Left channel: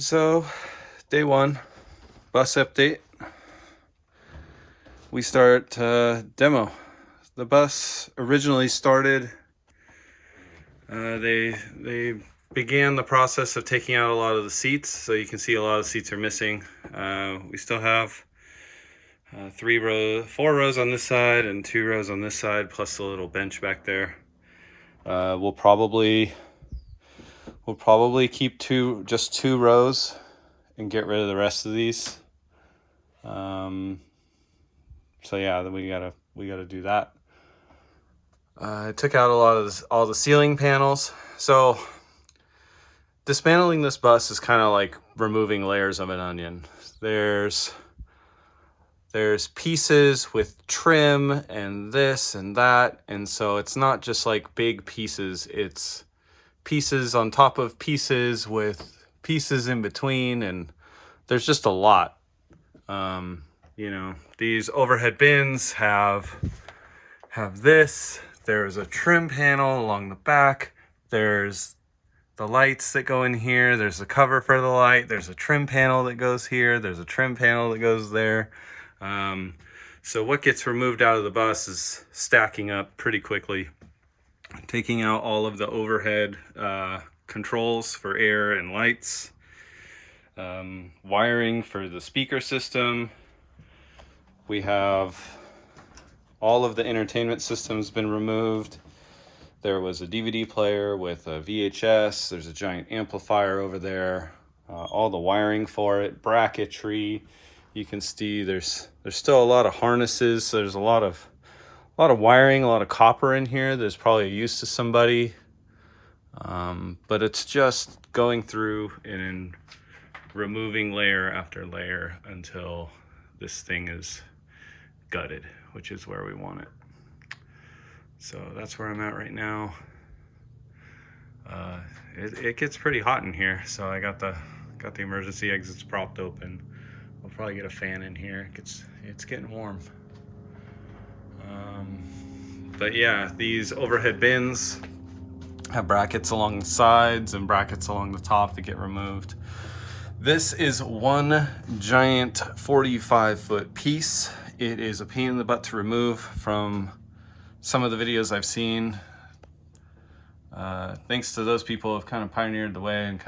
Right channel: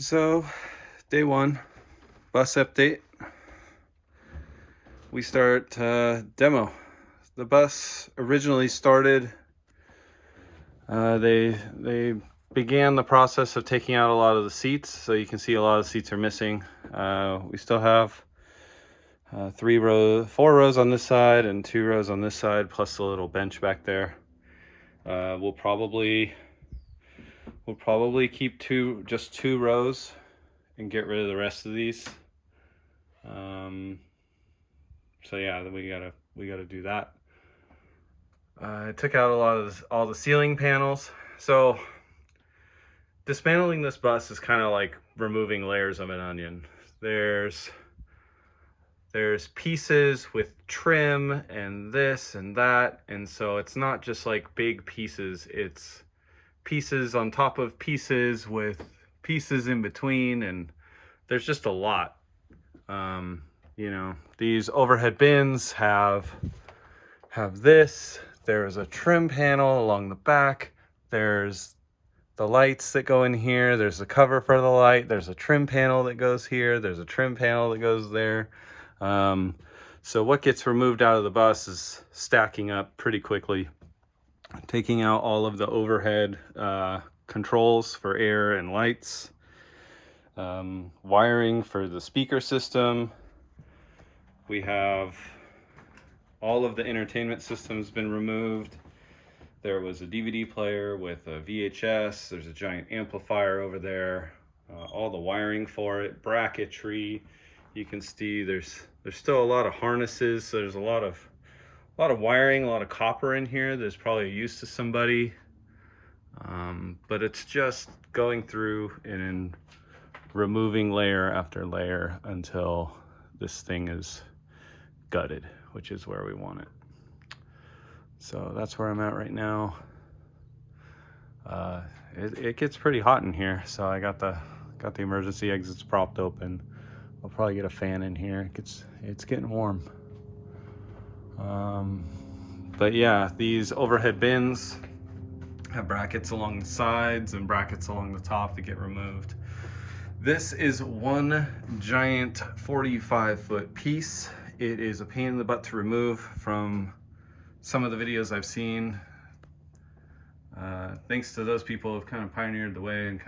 So, day one, bus update. We start demo. The bus originally started. They began the process of taking out a lot of the seats. So you can see a lot of seats are missing. We still have 4 rows on this side and 2 rows on this side, plus a little bench back there. We'll probably keep just 2 rows and get rid of the rest of these. So yeah, then we gotta do that. I took out a lot of all the ceiling panels. So dismantling this bus is kind of like removing layers of an onion. There's pieces with trim and this and that, and so it's not just like big pieces, it's pieces on top of pieces with pieces in between, and there's just a lot. These overhead bins have this. There's a trim panel along the back. There's the lights that go in here. There's a cover for the light. There's a trim panel that goes here. There's a trim panel that goes there. So what gets removed out of the bus is stacking up pretty quickly. Taking out all of the overhead controls for air and lights. Wiring for the speaker system. We have all of the entertainment systems been removed. There was a DVD player with a VHS. There's a giant amplifier over there. All the wiring for it, bracketry. You can see there's still a lot of harnesses. So there's a lot of wiring, a lot of copper in here. There's probably a use to somebody. But it's just going through and removing layer after layer until this thing is gutted, which is where we want it. So that's where I'm at right now. It gets pretty hot in here, so I got the emergency exits propped open. I'll probably get a fan in here. It's getting warm. But yeah, these overhead bins have brackets along the sides and brackets along the top that get removed. This is one giant 45-foot piece. It is a pain in the butt to remove from some of the videos I've seen. Thanks to those people who have kind of pioneered the way and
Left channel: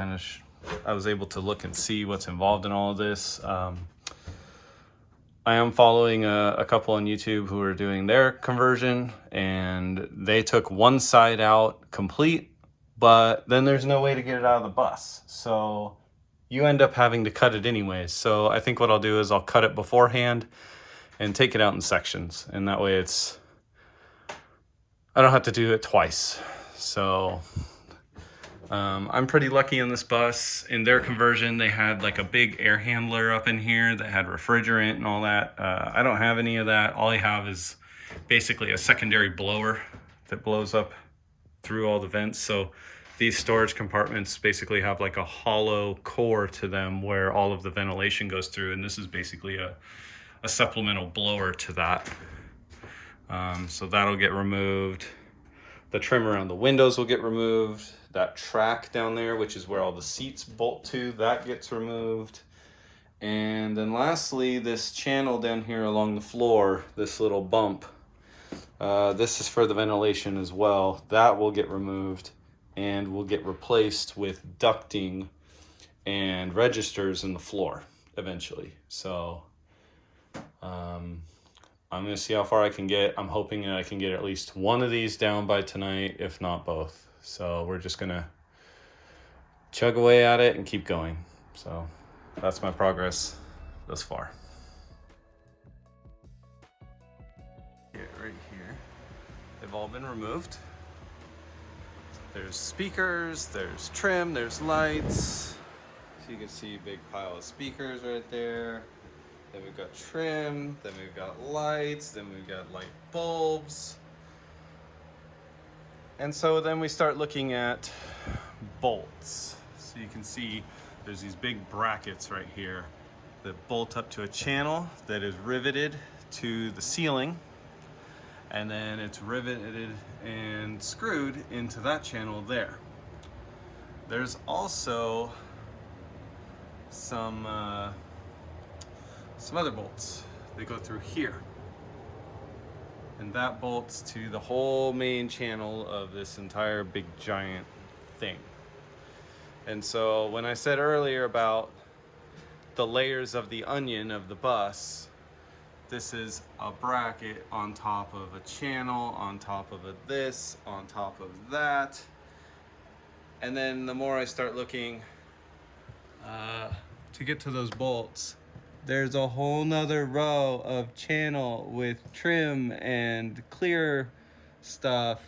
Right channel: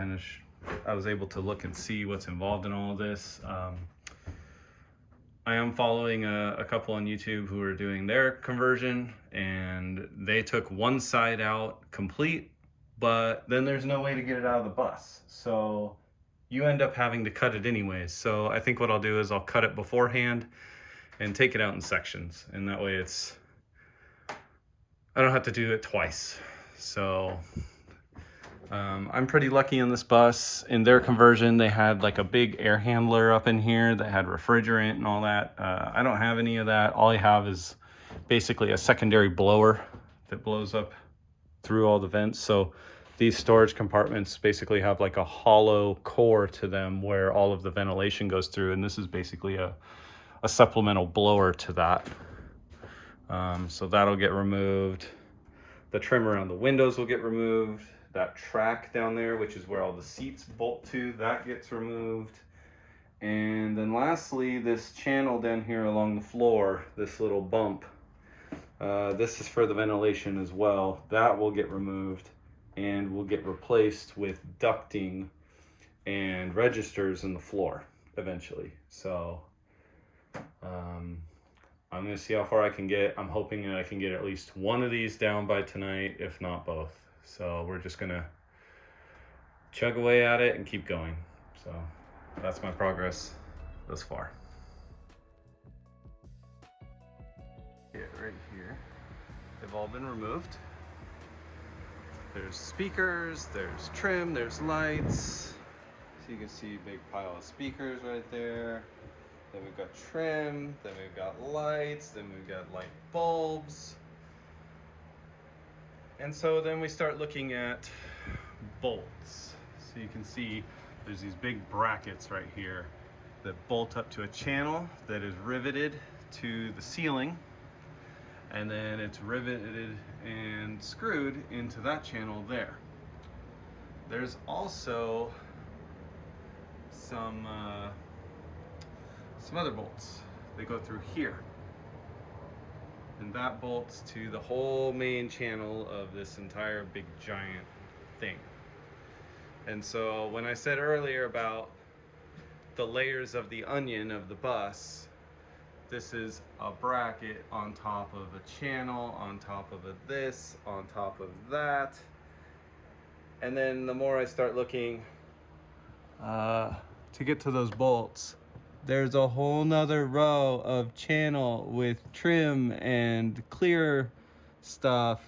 I was able to look and see what's involved in all of this. I am following a couple on YouTube who are doing their conversion, and they took one side out complete, but then there's no way to get it out of the bus. So you end up having to cut it anyways. So I think what I'll do is I'll cut it beforehand and take it out in sections. And that way I don't have to do it twice. So I'm pretty lucky in this bus. In their conversion, they had like a big air handler up in here that had refrigerant and all that. I don't have any of that. All I have is basically a secondary blower that blows up through all the vents. So these storage compartments basically have like a hollow core to them where all of the ventilation goes through. And this is basically a supplemental blower to that. So that'll get removed. The trim around the windows will get removed. That track down there, which is where all the seats bolt to, that gets removed. And then lastly, this channel down here along the floor, this little bump, this is for the ventilation as well. That will get removed and will get replaced with ducting and registers in the floor eventually. So I'm gonna see how far I can get. I'm hoping I can get at least one of these down by tonight, if not both. So we're just gonna chug away at it and keep going. So that's my progress thus far. Right here, they've all been removed. There's speakers, there's trim, there's lights. So you can see a big pile of speakers right there. Then we've got trim, then we've got lights, then we've got light bulbs. And so then we start looking at bolts. So you can see there's these big brackets right here that bolt up to a channel that is riveted to the ceiling. And then it's riveted and screwed into that channel there. There's also some other bolts. They go through here. And that bolts to the whole main channel of this entire big giant thing. And so when I said earlier about the layers of the onion of the bus, this is a bracket on top of a channel, on top of this, on top of that. And then the more I start looking to get to those bolts, there's a whole nother row of channel with trim and clear stuff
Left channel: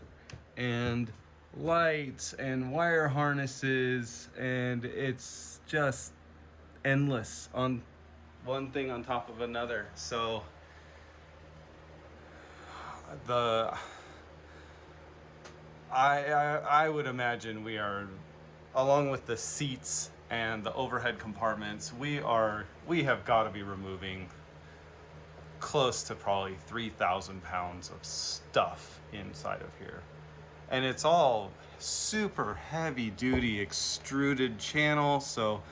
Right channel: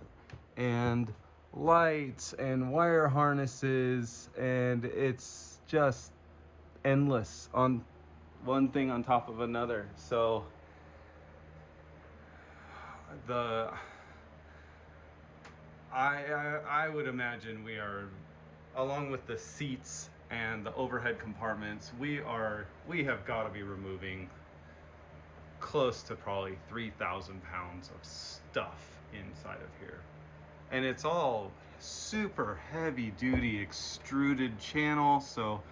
and lights and wire harnesses, and it's just endless on one thing on top of another. So I would imagine we are, along with the seats and the overhead compartments, we have got to be removing close to probably 3,000 pounds of stuff inside of here. And it's all super heavy duty extruded channel. So,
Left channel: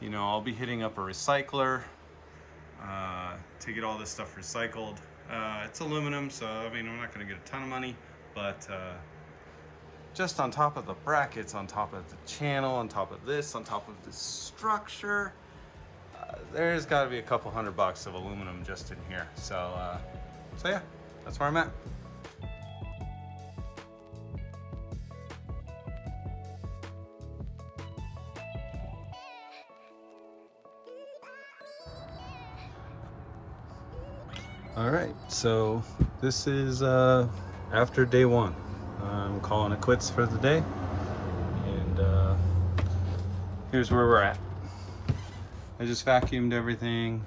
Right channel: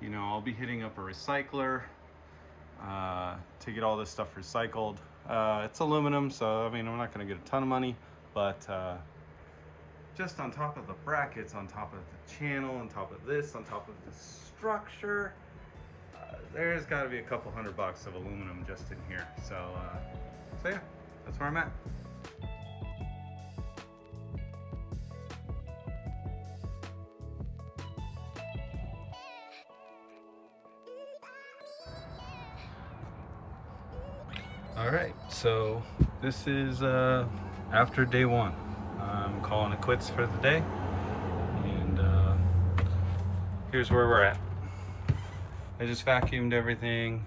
you know, I'll be hitting up a recycler to get all this stuff recycled. It's aluminum, so I mean, I'm not gonna get a ton of money, but just on top of the brackets, on top of the channel, on top of this, on top of this structure, there's got to be a couple $100 of aluminum just in here. So yeah, that's where I'm at. All right, so this is after day one. I'm calling it quits for the day, and here's where we're at. I just vacuumed everything,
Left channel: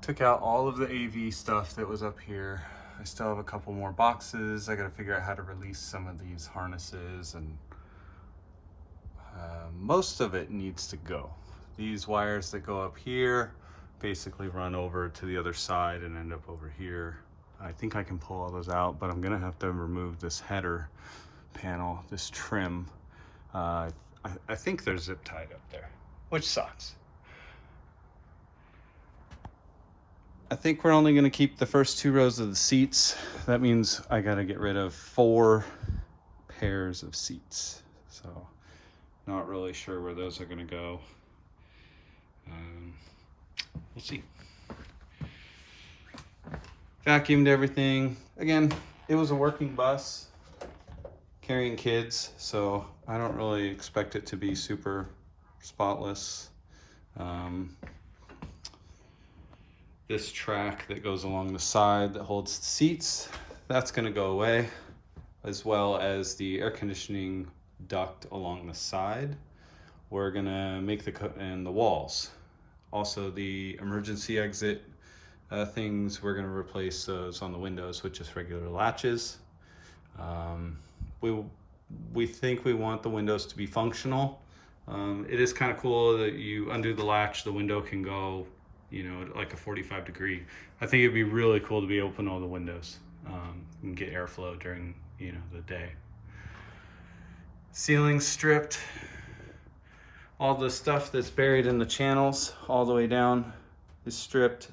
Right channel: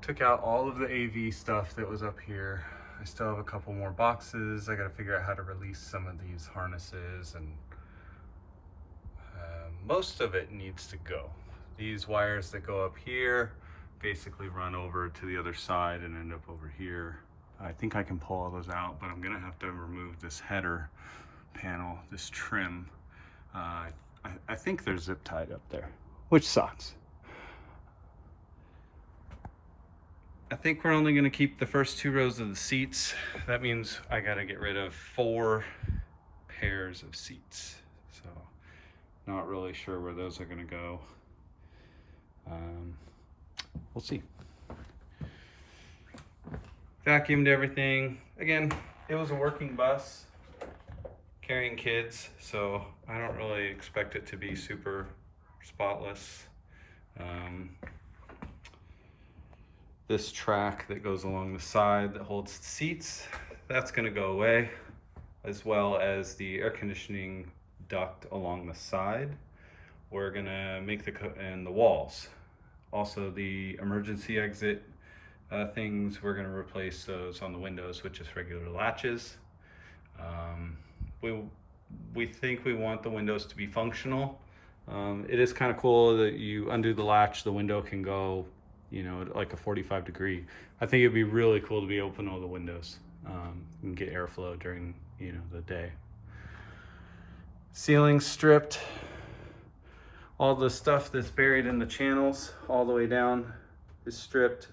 took out all of the AV stuff that was up here. I still have a couple more boxes. I gotta figure out how to release some of these harnesses, and most of it needs to go. These wires that go up here basically run over to the other side and end up over here. I think I can pull all those out, but I'm gonna have to remove this header panel, this trim. I think they're zip tied up there, which sucks. I think we're only gonna keep the first 2 rows of the seats. That means I gotta get rid of 4 pairs of seats. So not really sure where those are gonna go. We'll see. Vacuumed everything. Again, it was a working bus carrying kids, so I don't really expect it to be super spotless. This track that goes along the side that holds the seats, that's gonna go away, as well as the air conditioning duct along the side. We're gonna make and the walls. Also the emergency exit things, we're gonna replace those on the windows with just regular latches. We think we want the windows to be functional. It is kind of cool that you undo the latch, the window can go, you know, like a 45 degree. I think it'd be really cool to be open all the windows and get airflow during, you know, the day. Ceiling stripped. All the stuff that's buried in the channels all the way down is stripped.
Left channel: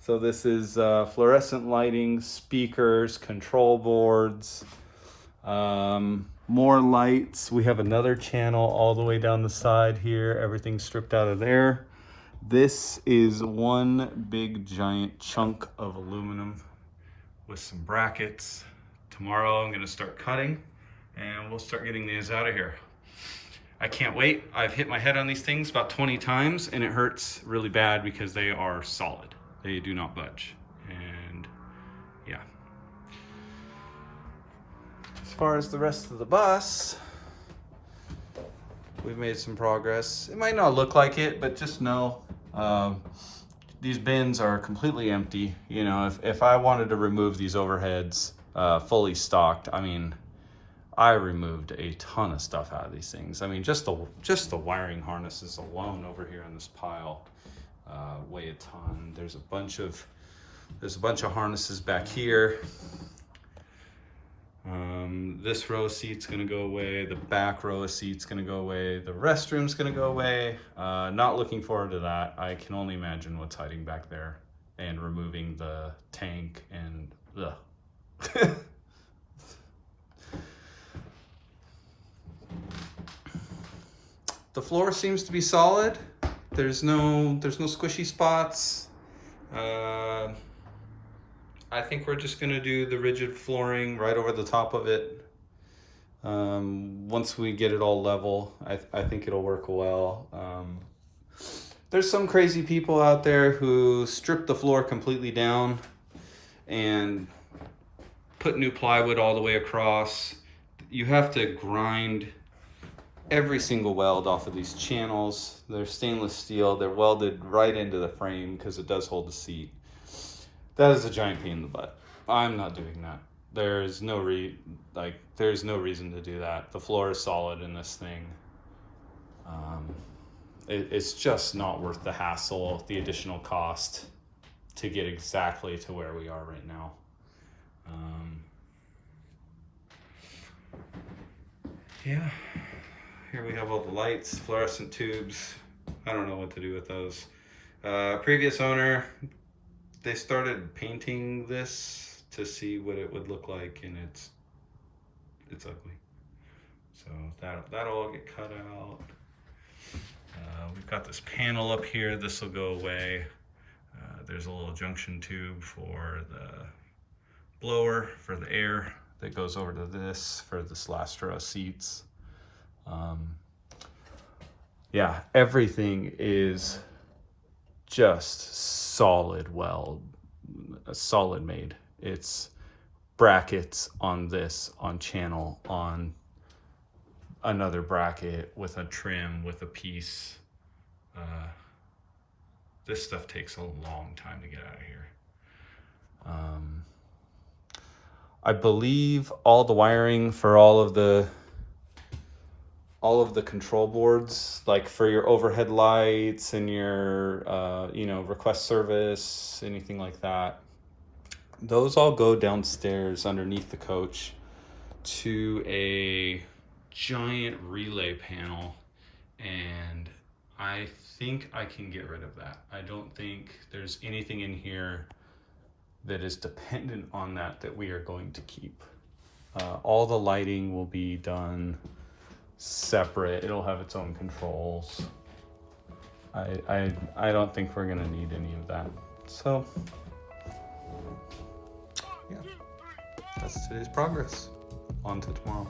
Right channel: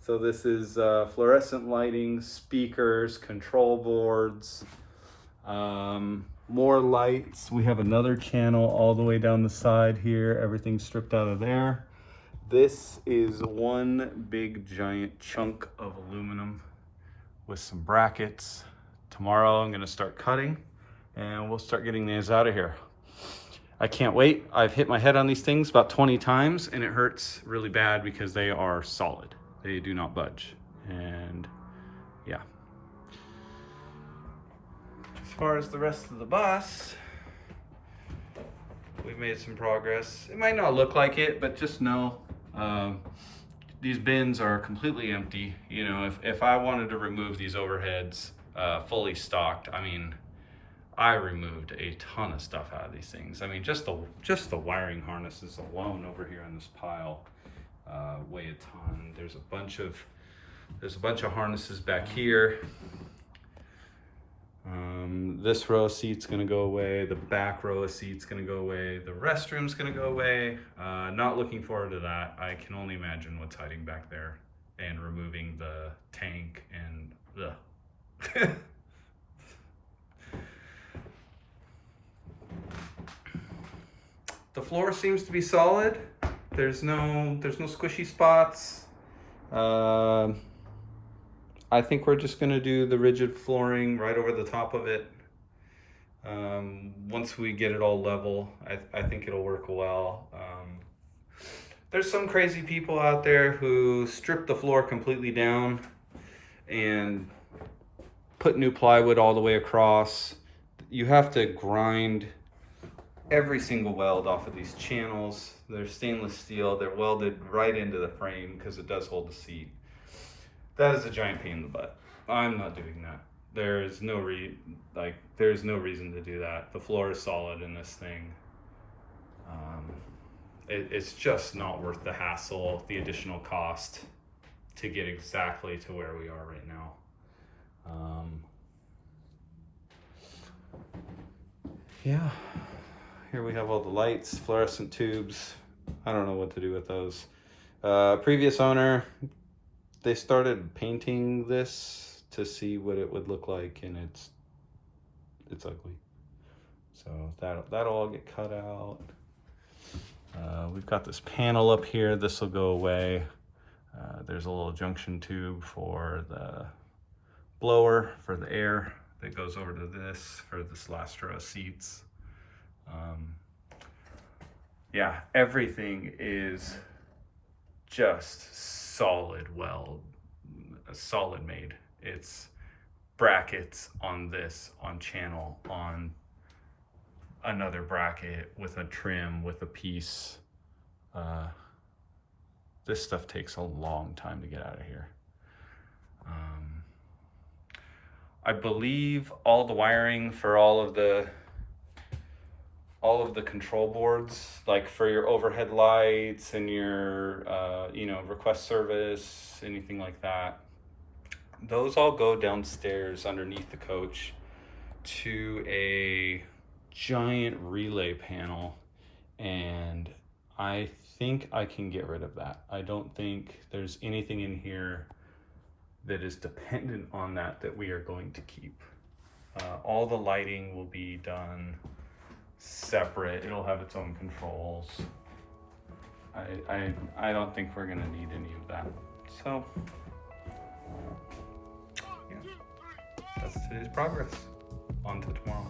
So this is fluorescent lighting, speakers, control boards, more lights. We have another channel all the way down the side here. Everything's stripped out of there. This is one big giant chunk of aluminum with some brackets. Tomorrow I'm gonna start cutting and we'll start getting these out of here. I can't wait. I've hit my head on these things about 20 times and it hurts really bad because they are solid. They do not budge. And yeah. As far as the rest of the bus, we've made some progress. It might not look like it, but just know these bins are completely empty. You know, if I wanted to remove these overheads fully stocked, I mean, I removed a ton of stuff out of these things. I mean, just the wiring harnesses alone over here in this pile weigh a ton. There's a bunch of harnesses back here. This row of seats gonna go away. The back row of seats gonna go away. The restroom's gonna go away. Not looking forward to that. I can only imagine what's hiding back there and removing the tank and ugh. The floor seems to be solid. There's no squishy spots. I think we're just gonna do the rigid flooring right over the top of it. Once we get it all level, I think it'll work well. There's some crazy people out there who strip the floor completely down and put new plywood all the way across. You have to grind every single weld off of these channels. They're stainless steel. They're welded right into the frame because it does hold the seat. That is a giant pain in the butt. I'm not doing that. There's no reason to do that. The floor is solid in this thing. It's just not worth the hassle, the additional cost to get exactly to where we are right now. Yeah, here we have all the lights, fluorescent tubes. I don't know what to do with those. Previous owner, they started painting this to see what it would look like, and it's ugly. So that'll all get cut out. We've got this panel up here. This will go away. There's a little junction tube for the blower for the air that goes over to this for this last row of seats. Yeah, everything is just solid weld, solid made. It's brackets on this, on channel, on another bracket with a trim, with a piece. This stuff takes a long time to get out of here. I believe all the wiring for all of the control boards, like for your overhead lights and your request service, anything like that, those all go downstairs underneath the coach to a giant relay panel, and I think I can get rid of that. I don't think there's anything in here that is dependent on that we are going to keep. All the lighting will be done separate. It'll have its own controls. I don't think we're gonna need any of that. So yeah, that's today's progress. On to tomorrow.